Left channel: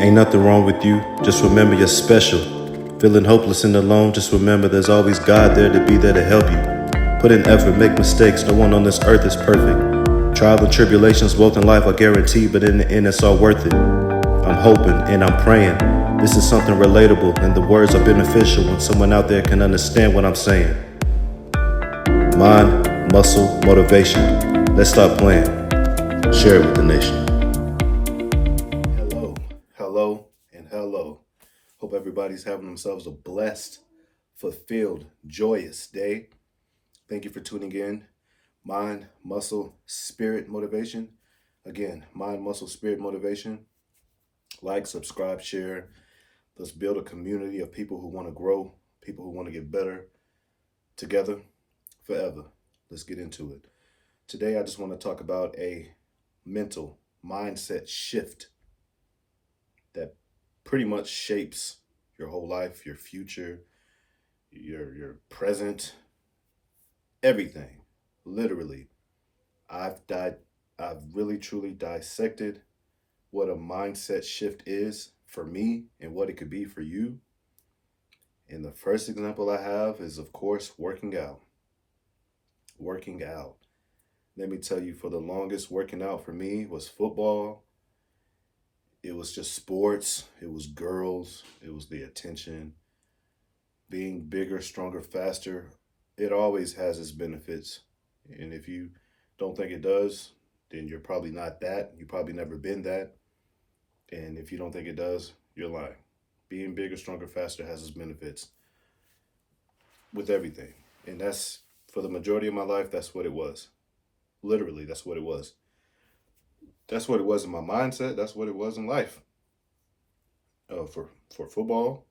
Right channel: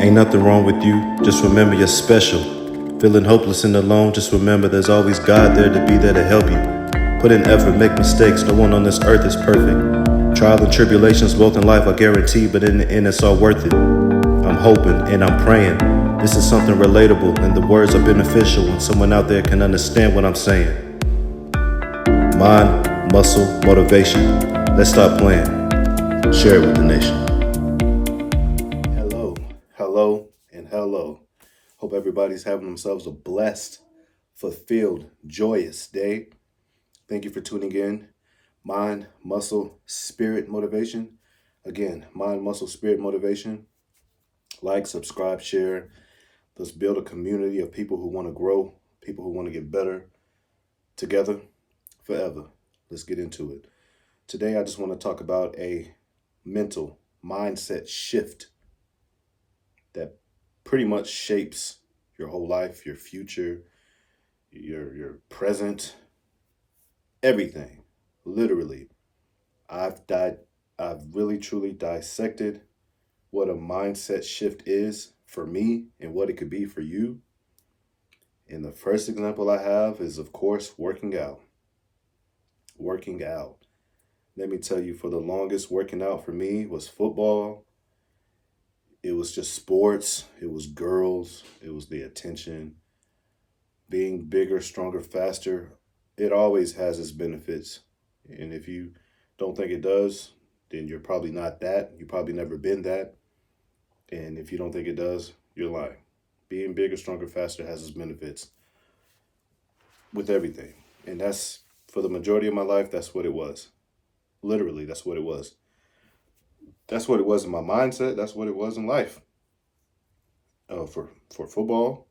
Ain't nothing wrong with you, just remember you're special. Feeling hopeless and alone, just remember there's always God there to be there to help you. Put in effort, make mistakes, no one on this earth is perfect. Trials and tribulations both in life are guaranteed, but in the end it's all worth it. I'm hoping and I'm praying. This is something relatable and the words are beneficial when someone out there can understand what I'm saying. Mind, muscle, motivation. Let's stop playing. Share it with the nation. Hello, and hello. Hope everybody's having themselves a blessed, fulfilled, joyous day. Thank you for tuning in. Mind, muscle, spirit motivation. Again, mind, muscle, spirit motivation. Like, subscribe, share. Let's build a community of people who want to grow, people who want to get better together forever. Let's get into it. Today, I just want to talk about a mental mindset shift that pretty much shapes your whole life, your future, your present, everything. Literally. I've really truly dissected what a mindset shift is for me and what it could be for you. And the first example I have is, of course, working out. Working out. Let me tell you, for the longest, working out for me was football. It was just sports. It was girls. It was the attention. Being bigger, stronger, faster. It always has its benefits. And if you don't think it does, then you're probably not that. You've probably never been that. And if you don't think it does, you're lying. Being bigger, stronger, faster has its benefits with everything. And that's, for the majority of my life, that's what it was. Literally, that's what it was. That's what it was in my mindset. That's what it was in life. For football,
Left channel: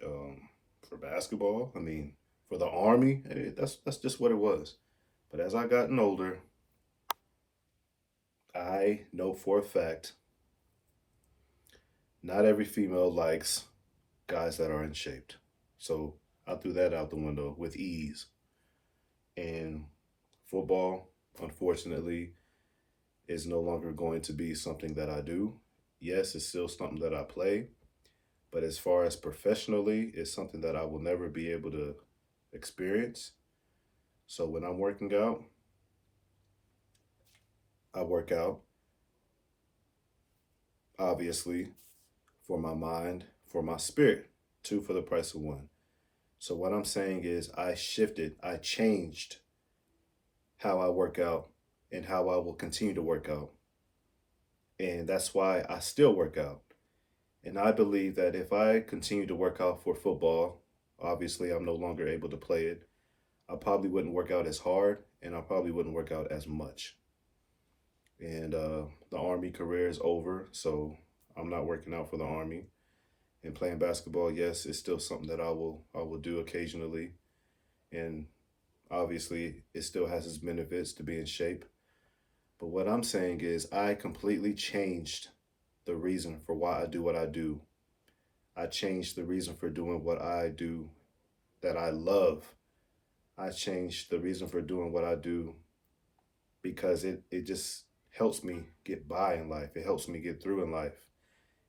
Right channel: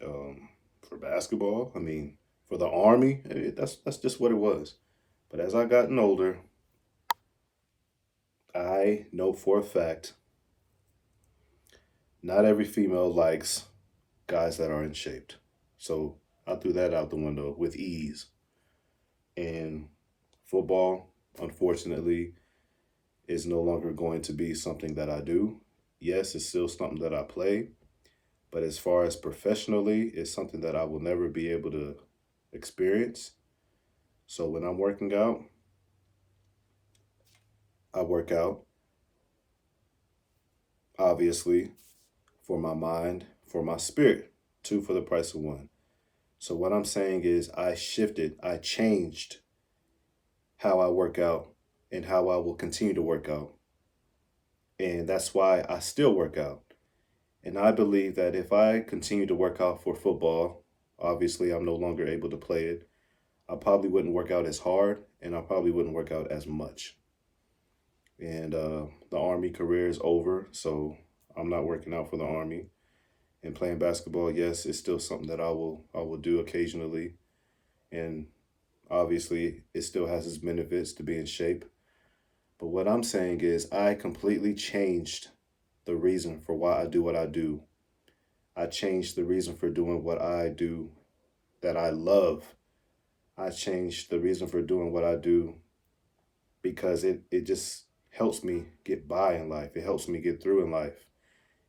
for basketball, I mean, for the army, that's just what it was. But as I gotten older, I know for a fact not every female likes guys that are in shape. So I threw that out the window with ease. And football, unfortunately, is no longer going to be something that I do. Yes, it's still something that I play, but as far as professionally, it's something that I will never be able to experience. So when I'm working out, I work out, obviously, for my mind, for my spirit, two for the price of one. So what I'm saying is I changed how I work out and how I will continue to work out. And that's why I still work out. And I believe that if I continue to work out for football, obviously I'm no longer able to play it. I probably wouldn't work out as hard and I probably wouldn't work out as much. And the Army career is over, so I'm not working out for the Army. And playing basketball, yes, it's still something that I will do occasionally. And obviously it still has its benefits to be in shape. But what I'm saying is I completely changed the reason for why I do what I do. I changed the reason for doing what I do that I love. I changed the reason for doing what I do because it just helps me get by in life. It helps me get through in life.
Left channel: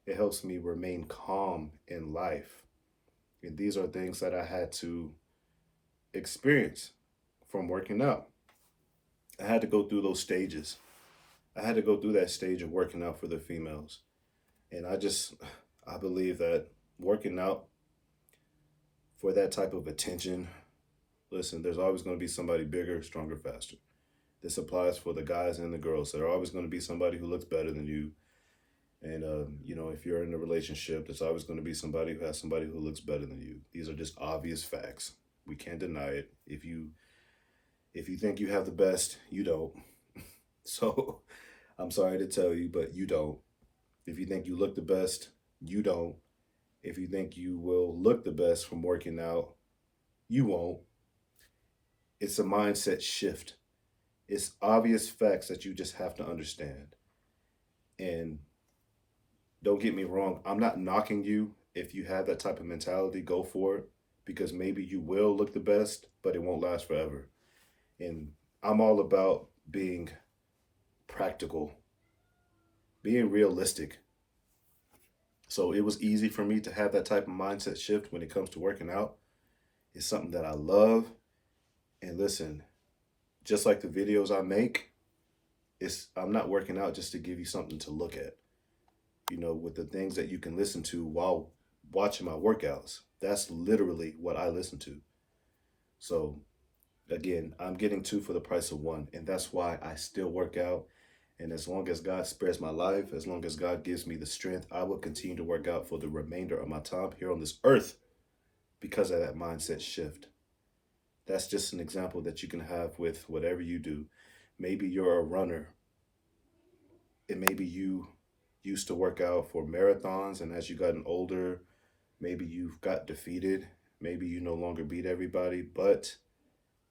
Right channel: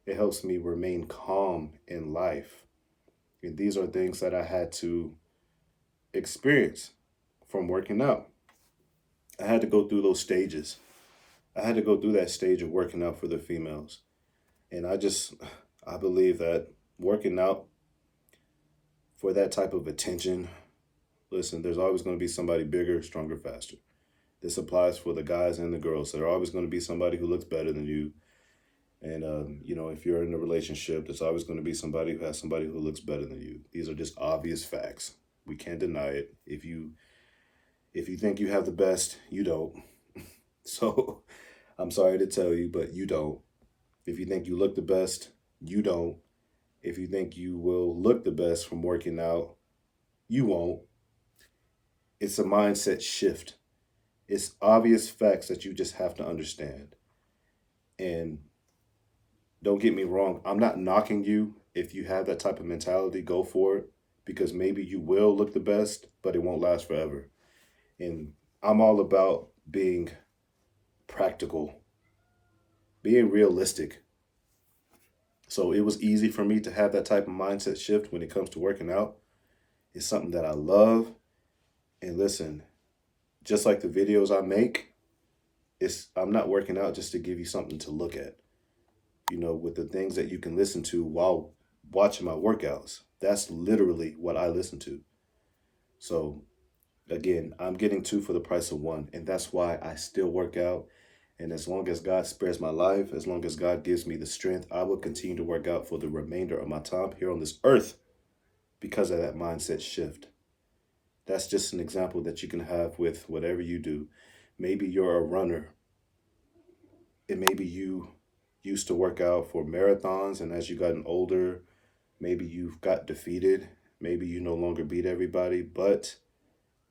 It helps me remain calm in life. And these are things that I had to experience from working out. I had to go through those stages. I had to go through that stage of working out for the females. And I believe that working out for that type of attention, listen, there's always going to be somebody bigger, stronger, faster. This applies for the guys and the girls. There's always going to be somebody who looks better than you. And, if you're in a relationship, there's always going to be somebody who has somebody who looks better than you. These are just obvious facts. We can't deny it. If you think you have the best, you don't. So I'm sorry to tell you, but you don't. If you think you look the best, you don't. If you think you will look the best from working out, you won't. It's a mindset shift. It's obvious facts that you just have to understand. And don't get me wrong, I'm not knocking you. If you have that type of mentality, go for it because maybe you will look the best, but it won't last forever. And I'm all about being practical, being realistic. So it was easy for me to have that type of mindset shift when it comes to working out. It's something that I love. And listen, just like the videos I make, I'm not working out just to give you something to look at. With the things that you can listen to while watching my workouts. That's literally what I listen to. So again, I'm getting two for the price of one, and that's why I still work out. And as long as God spares my life, as long as God gives me the strength, I will continue to work out for the remainder of my time here on this earth because of that mindset shift. That's just an example that you can have with whatever you do. Maybe you're a runner, and maybe you used to work out for marathons, and as you gotten older, maybe you've got defeated. Maybe you no longer beat everybody, but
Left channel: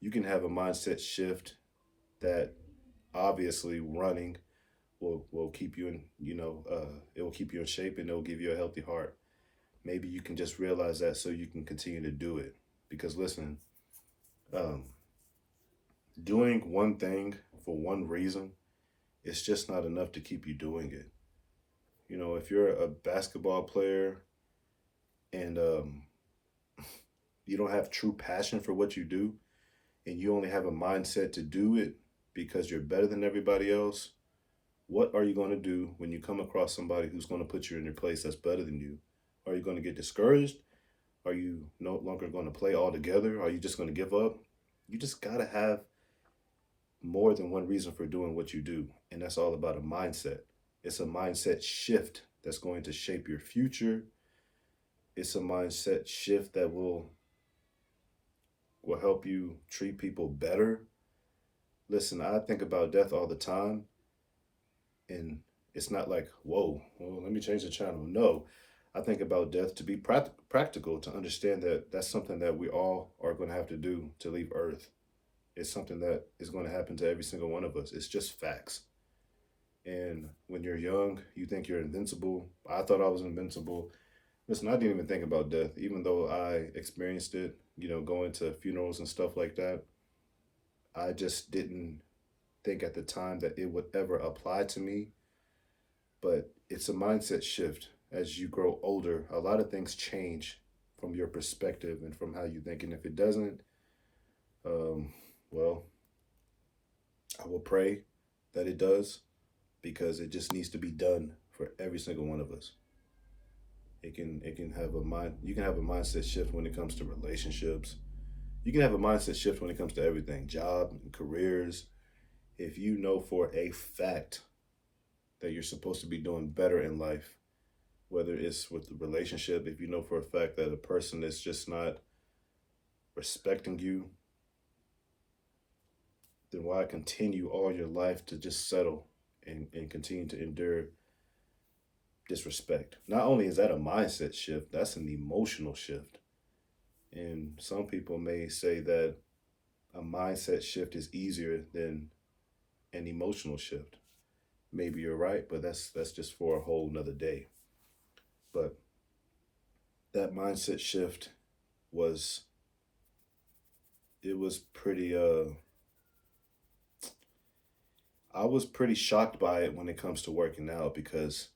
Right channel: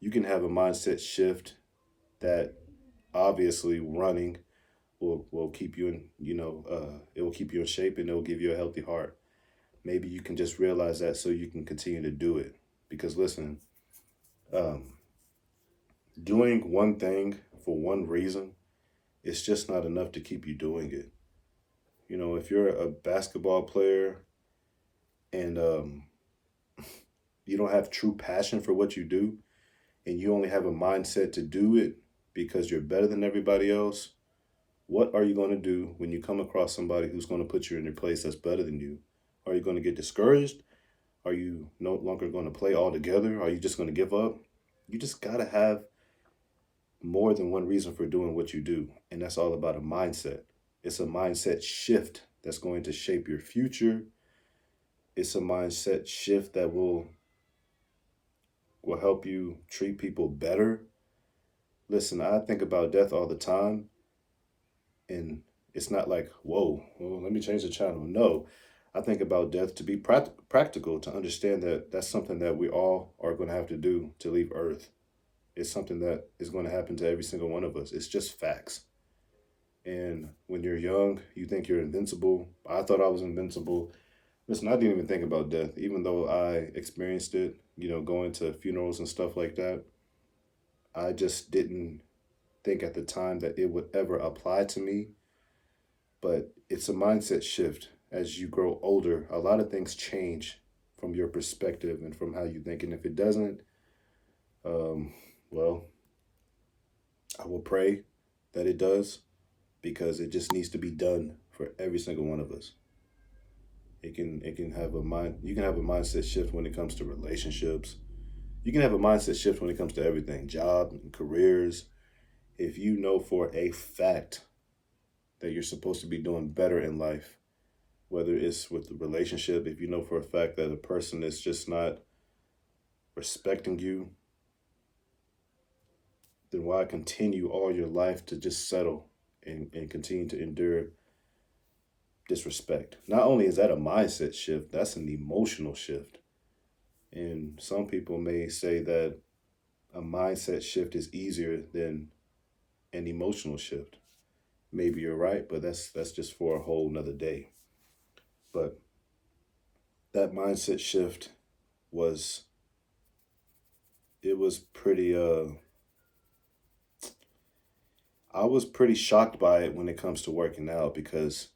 you can have a mindset shift that obviously running will keep you in, it will keep you in shape and it will give you a healthy heart. Maybe you can just realize that so you can continue to do it. Because listen, um, doing one thing for one reason, it's just not enough to keep you doing it. If you're a basketball player and you don't have true passion for what you do, and you only have a mindset to do it because you're better than everybody else, what are you going to do when you come across somebody who's going to put you in your place that's better than you? Are you going to get discouraged? Are you no longer going to play altogether? Are you just going to give up? You just got to have more than one reason for doing what you do. And that's all about a mindset. It's a mindset shift that's going to shape your future. It's a mindset shift that will help you treat people better. Listen, I think about death all the time, and it's not like, whoa, well, let me change the channel. No, I think about death to be practical, to understand that that's something that we all are going to have to do to leave Earth. It's something that is going to happen to every single one of us. It's just facts. And when you're young, you think you're invincible. I thought I was invincible. Listen, I didn't even think about death, even though I experienced it, going to funerals and stuff like that. I just didn't think at the time that it would ever apply to me. But it's a mindset shift. As you grow older, a lot of things change from your perspective and from how you think. And if it doesn't, um, well, I will pray that it does, because it just needs to be done for every single one of us. It can have a mind. You can have a mindset shift when it comes to relationships. You can have a mindset shift when it comes to everything, job and careers. If you know for a fact that you're supposed to be doing better in life, whether it's with the relationship, if you know for a fact that a person is just not respecting you, then why continue all your life to just settle and continue to endure disrespect? Not only is that a mindset shift, that's an emotional shift. And some people may say that a mindset shift is easier than an emotional shift. Maybe you're right, but that's just for a whole nother day. But that mindset shift was it was pretty I was pretty shocked by it when it comes to working out, because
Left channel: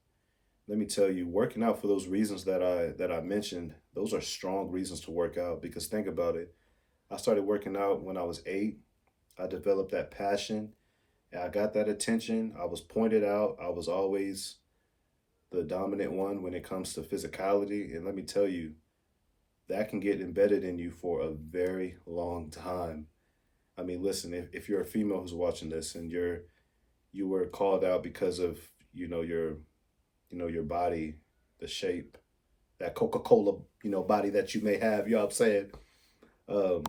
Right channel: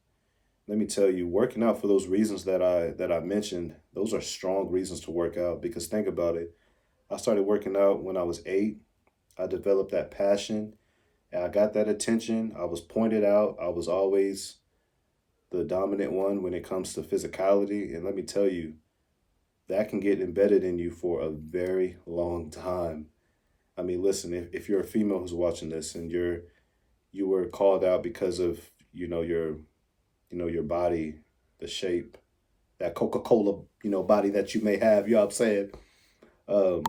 let me tell you, working out for those reasons that I mentioned, those are strong reasons to work out. Because think about it. I started working out when I was 8. I developed that passion, and I got that attention. I was pointed out. I was always the dominant one when it comes to physicality. And let me tell you, that can get embedded in you for a very long time. I mean, listen, if you're a female who's watching this and you were called out because of, your body, the shape, that Coca-Cola, body that you may have, you know what I'm saying? Um,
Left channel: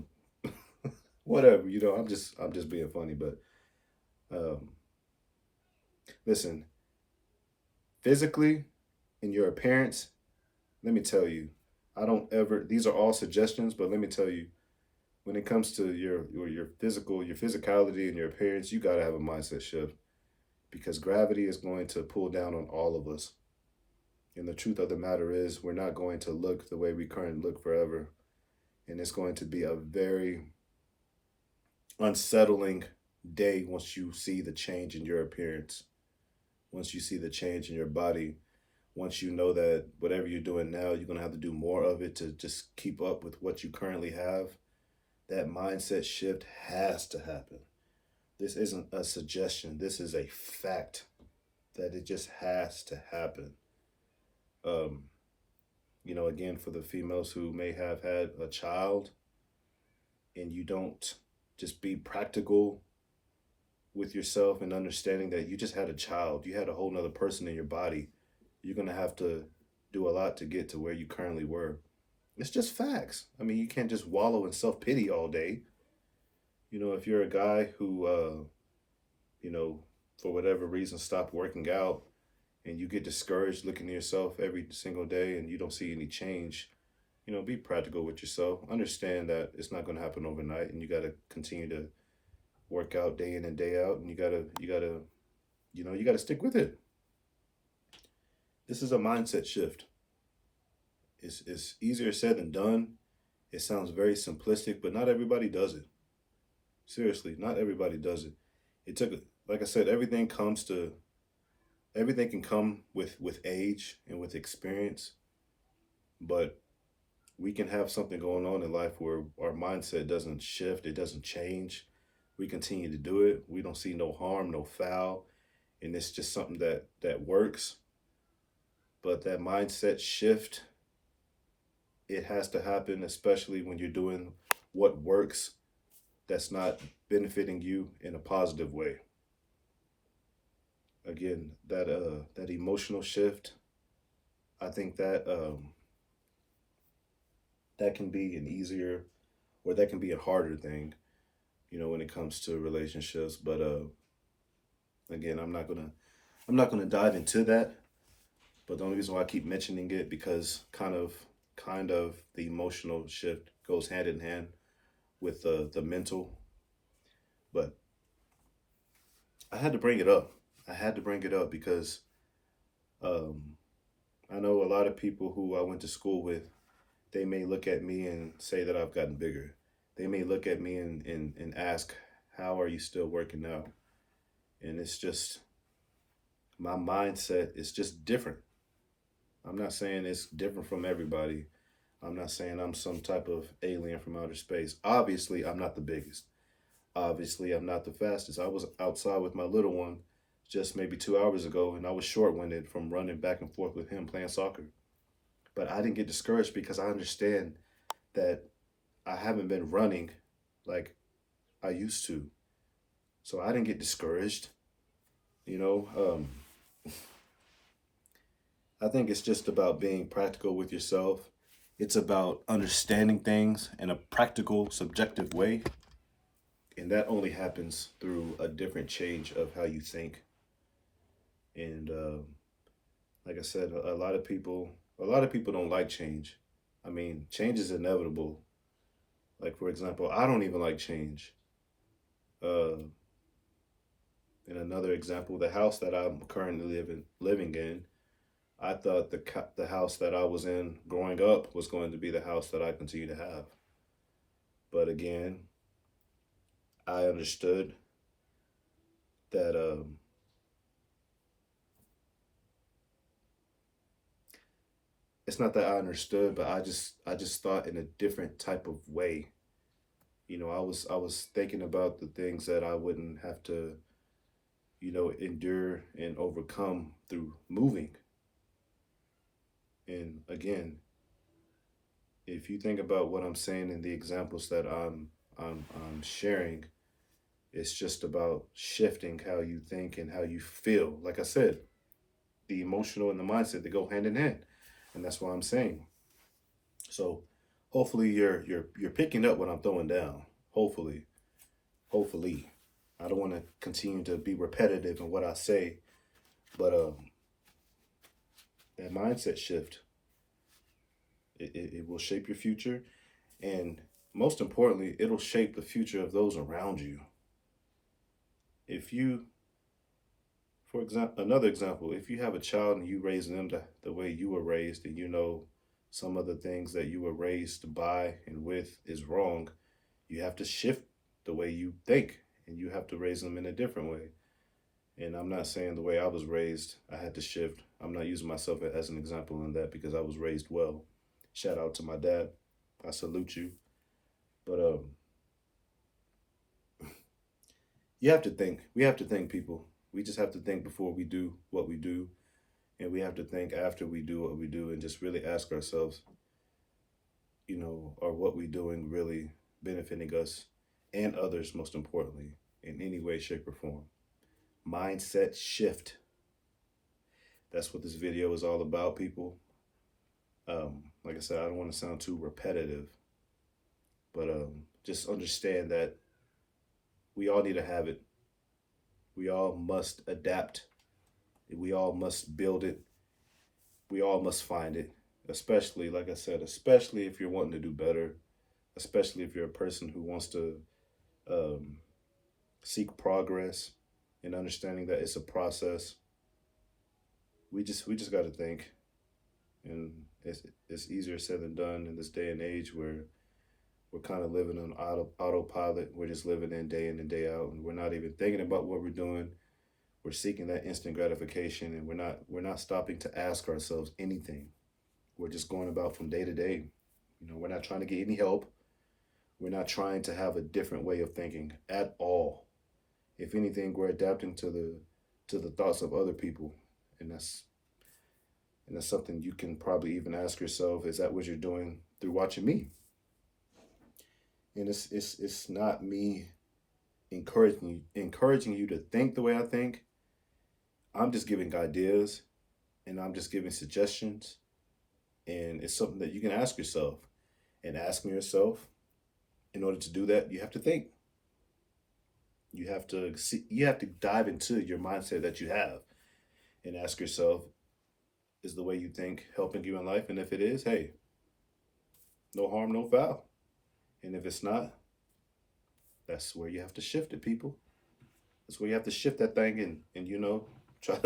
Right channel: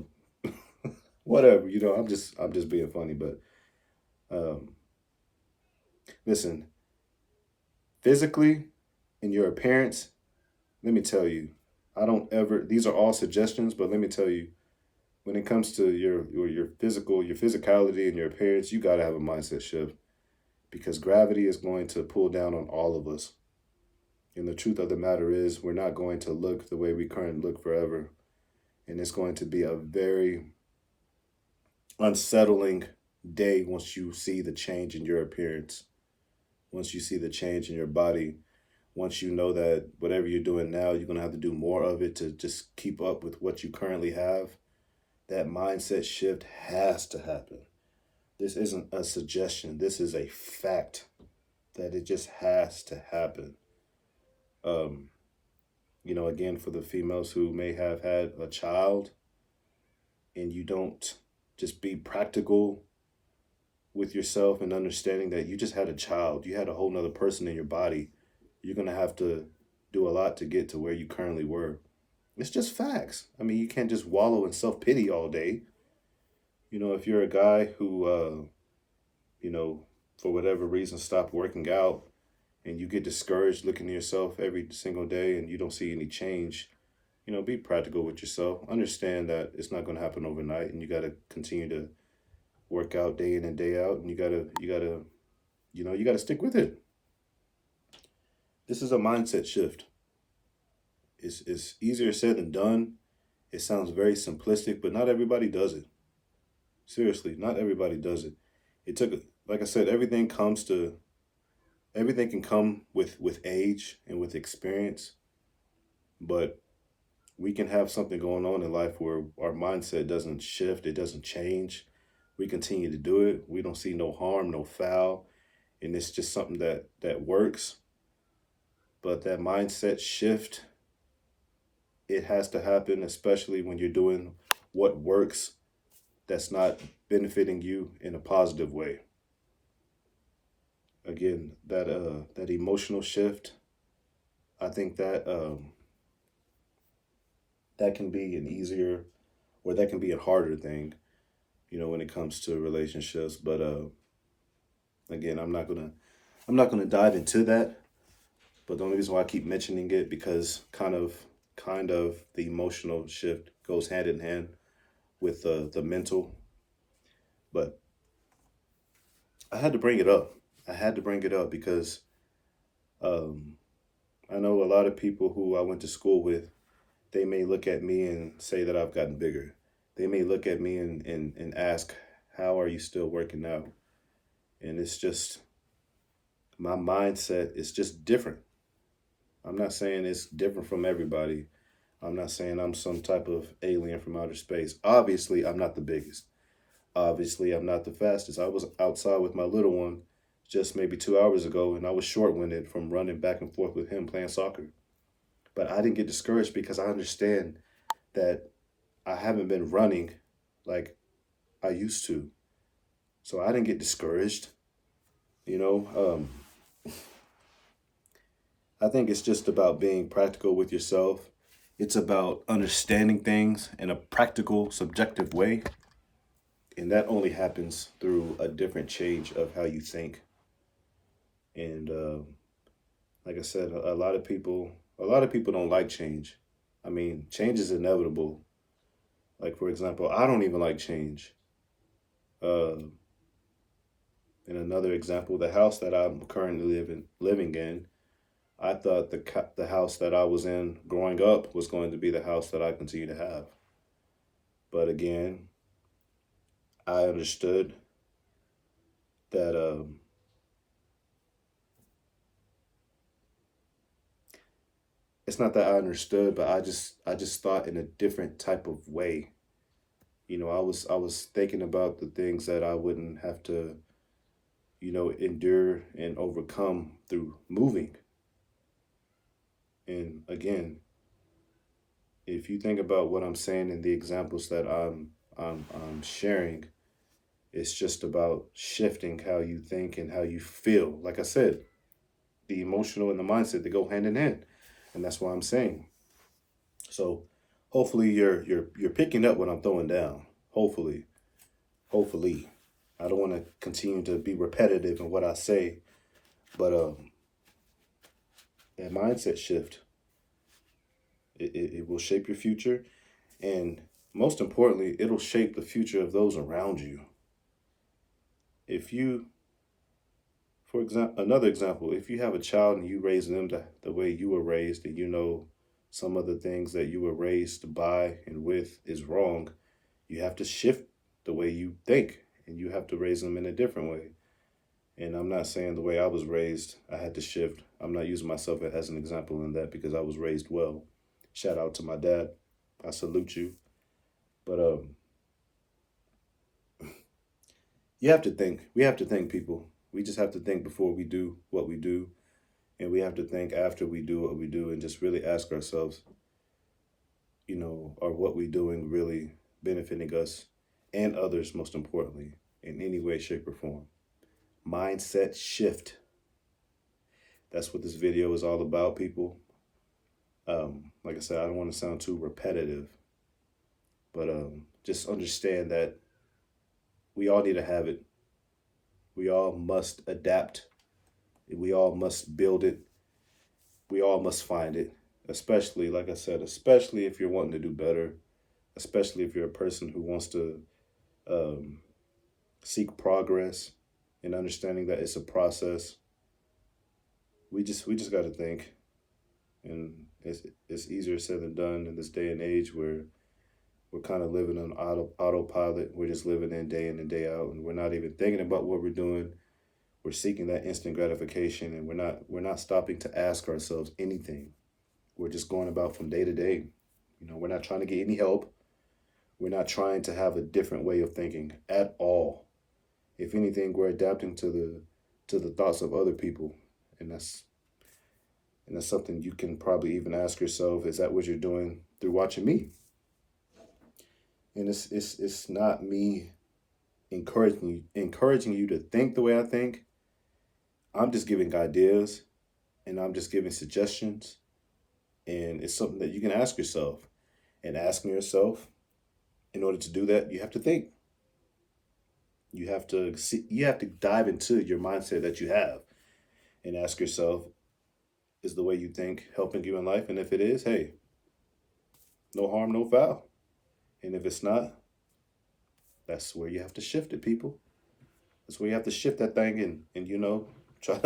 whatever, I'm just being funny, but um, listen, physically in your appearance, let me tell you, I don't ever, these are all suggestions, but let me tell you, when it comes to your your physicality and your appearance, you got to have a mindset shift, because gravity is going to pull down on all of us. And the truth of the matter is, we're not going to look the way we currently look forever. And it's going to be a very unsettling day once you see the change in your appearance, once you see the change in your body, Once you know that whatever you're doing now, you're going to have to do more of it to just keep up with what you currently have, that mindset shift has to happen. This isn't a suggestion, this is a fact that it just has to happen. Um, again, for the females who may have had a child and you don't just be practical with yourself and understanding that you just had a child, you had a whole nother person in your body, you're going to have to do a lot to get to where you currently were. It's just facts. I mean, you can't just wallow in self pity all day. If you're a guy who, for whatever reason, stopped working out and you get discouraged looking at yourself every single day and you don't see any change, be practical with yourself. Understand that it's not going to happen overnight, and you got to continue to work out day in and day out, and you got to stick with it. This is a mindset shift. It's easier said than done. It sounds very simplistic, but not everybody does it. Seriously, not everybody does it. It took, like I said, everything can come with age and with experience, but we can have something going on in life where our mindset doesn't shift, it doesn't change. We continue to do it. We don't see no harm, no foul, and it's just something that works. But that mindset shift, it has to happen, especially when you're doing what works that's not benefiting you in a positive way. Again, that emotional shift, I think that can be an easier, or that can be a harder thing, when it comes to relationships. But again, I'm not gonna dive into that. But the only reason why I keep mentioning it, because kind of the emotional shift goes hand in hand with the mental. But I had to bring it up. I had to bring it up because um, I know a lot of people who I went to school with. They may look at me and say that I've gotten bigger. They may look at me and ask, "How are you still working out?" And it's just, my mindset is just different. I'm not saying it's different from everybody. I'm not saying I'm some type of alien from outer space. Obviously, I'm not the biggest. Obviously, I'm not the fastest. I was outside with my little one just maybe 2 hours ago, and I was short winded from running back and forth with him playing soccer. But I didn't get discouraged because I understand that I haven't been running like I used to. So I didn't get discouraged. You know, I think it's just about being practical with yourself. It's about understanding things in a practical, subjective way. And that only happens through a different change of how you think. And like I said, a lot of people don't like change. I mean, change is inevitable. Like, for example, I don't even like change. Uh, in another example, the house that I'm currently living in, I thought the house that I was in growing up was going to be the house that I continue to have. But again, I understood that it's not that I understood, but I just thought in a different type of way. I was thinking about the things that I wouldn't have to, endure and overcome through moving. And again, if you think about what I'm saying and the examples that I'm sharing, it's just about shifting how you think and how you feel. Like I said, the emotional and the mindset, they go hand in hand, and that's what I'm saying. So hopefully you're picking up what I'm throwing down. Hopefully, I don't want to continue to be repetitive in what I say, but that mindset shift, it will shape your future, and most importantly, it'll shape the future of those around you. If you, for example, another example, if you have a child and you raise them the way you were raised, and some of the things that you were raised by and with is wrong, you have to shift the way you think, and you have to raise them in a different way. And I'm not saying the way I was raised, I had to shift. I'm not using myself as an example in that because I was raised well. Shout out to my dad. I salute you. But you have to think. We have to think, people. We just have to think before we do what we do. And we have to think after we do what we do and just really ask ourselves, are what we're doing really benefiting us and others, most importantly, in any way, shape, or form? Mindset shift. That's what this video is all about, people. Like I said, I don't want to sound too repetitive, but just understand that we all need to have it. We all must adapt. We all must build it. We all must find it. Especially, like I said, especially if you're wanting to do better, especially if you're a person who wants to seek progress and understanding that it's a process. We just got to think, and it's easier said than done in this day and age where we're kind of living on autopilot. We're just living in and day out, and we're not even thinking about what we're doing. We're seeking that instant gratification, and we're not stopping to ask ourselves anything. We're just going about from day to day. We're not trying to get any help. We're not trying to have a different way of thinking at all. If anything, we're adapting to the thoughts of other people, and that's something you can probably even ask yourself: is that what you're doing through watching me? And it's not me encouraging you to think the way I think. I'm just giving ideas, and I'm just giving suggestions, and it's something that you can ask yourself. And asking yourself, in order to do that, you have to think. You have to dive into your mindset that you have, and ask yourself, is the way you think helping you in life? And if it is, hey, no harm, no foul. And if it's not, that's where you have to shift it, people. That's where you have to shift that thing and try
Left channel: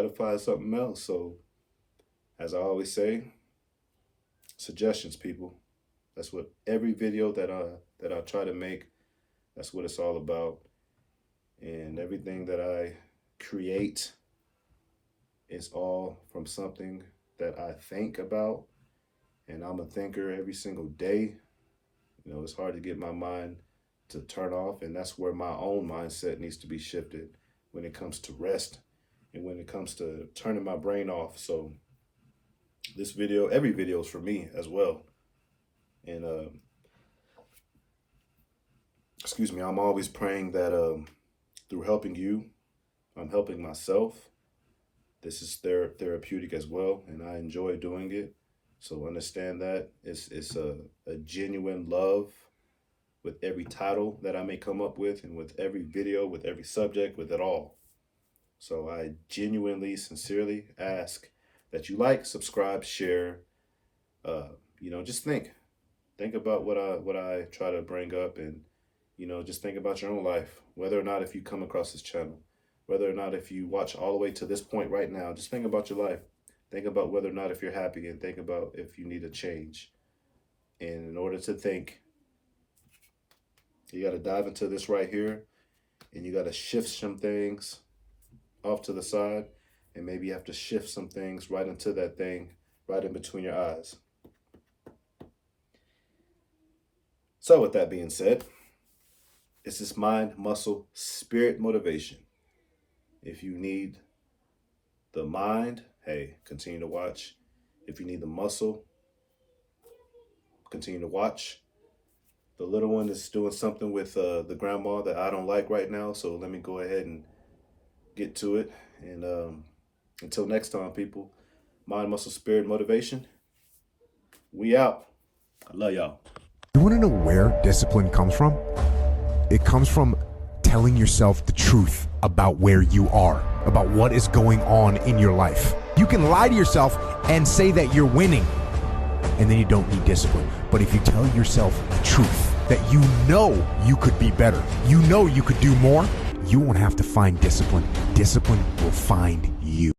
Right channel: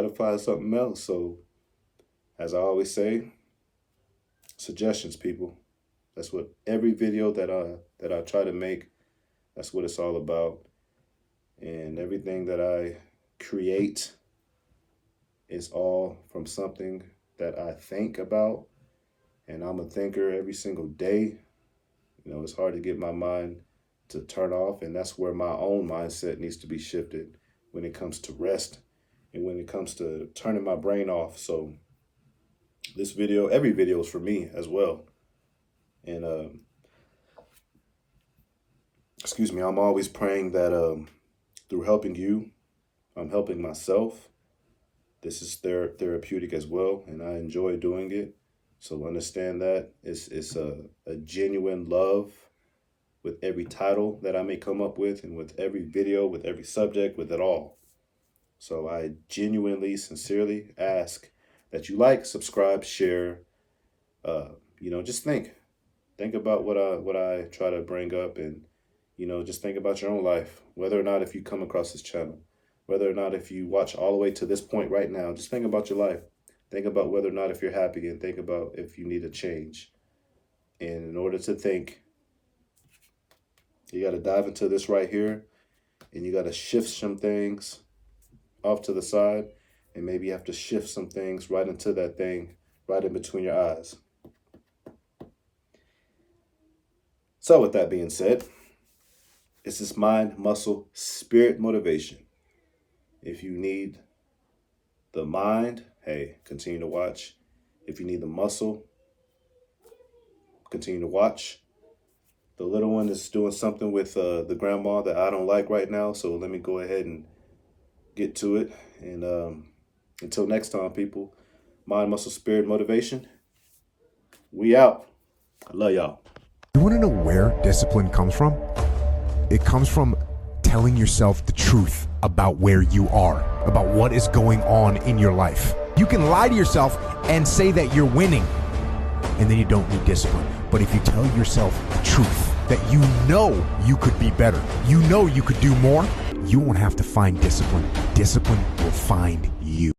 to find something else. So, as I always say, suggestions, people. That's what every video that I try to make, that's what it's all about. And everything that I create is all from something that I think about. And I'm a thinker every single day. It's hard to get my mind to turn off, and that's where my own mindset needs to be shifted when it comes to rest and when it comes to turning my brain off. So this video, every video is for me as well. And I'm always praying that through helping you, I'm helping myself. This is therapeutic as well, and I enjoy doing it. So understand that it's a genuine love with every title that I may come up with, and with every video, with every subject, with it all. So I genuinely, sincerely ask that you like, subscribe, share. Just think about what I try to bring up, and just think about your own life. Whether or not if you come across this channel, whether or not if you watch all the way to this point right now, just think about your life. Think about whether or not if you're happy, and think about if you need a change. And in order to think, you got to dive into this right here, and you got to shift some things off to the side, and maybe you have to shift some things right into that thing right in between your eyes. So with that being said, it's this mind, muscle, spirit motivation. If you need the mind, hey, continue to watch. If you need the muscle, continue to watch. The little one is doing something with the grandma that I don't like right now, so let me go ahead and get to it. And until next time, people, mind, muscle, spirit, motivation, we out. I love y'all. You want to know where discipline comes from? It comes from telling yourself the truth about where you are, about what is going on in your life. You can lie to yourself and say that you're winning, and then you don't need discipline. But if you tell yourself the truth, that you know you could be better, you know you could do more, you won't have to find discipline. Discipline will find you.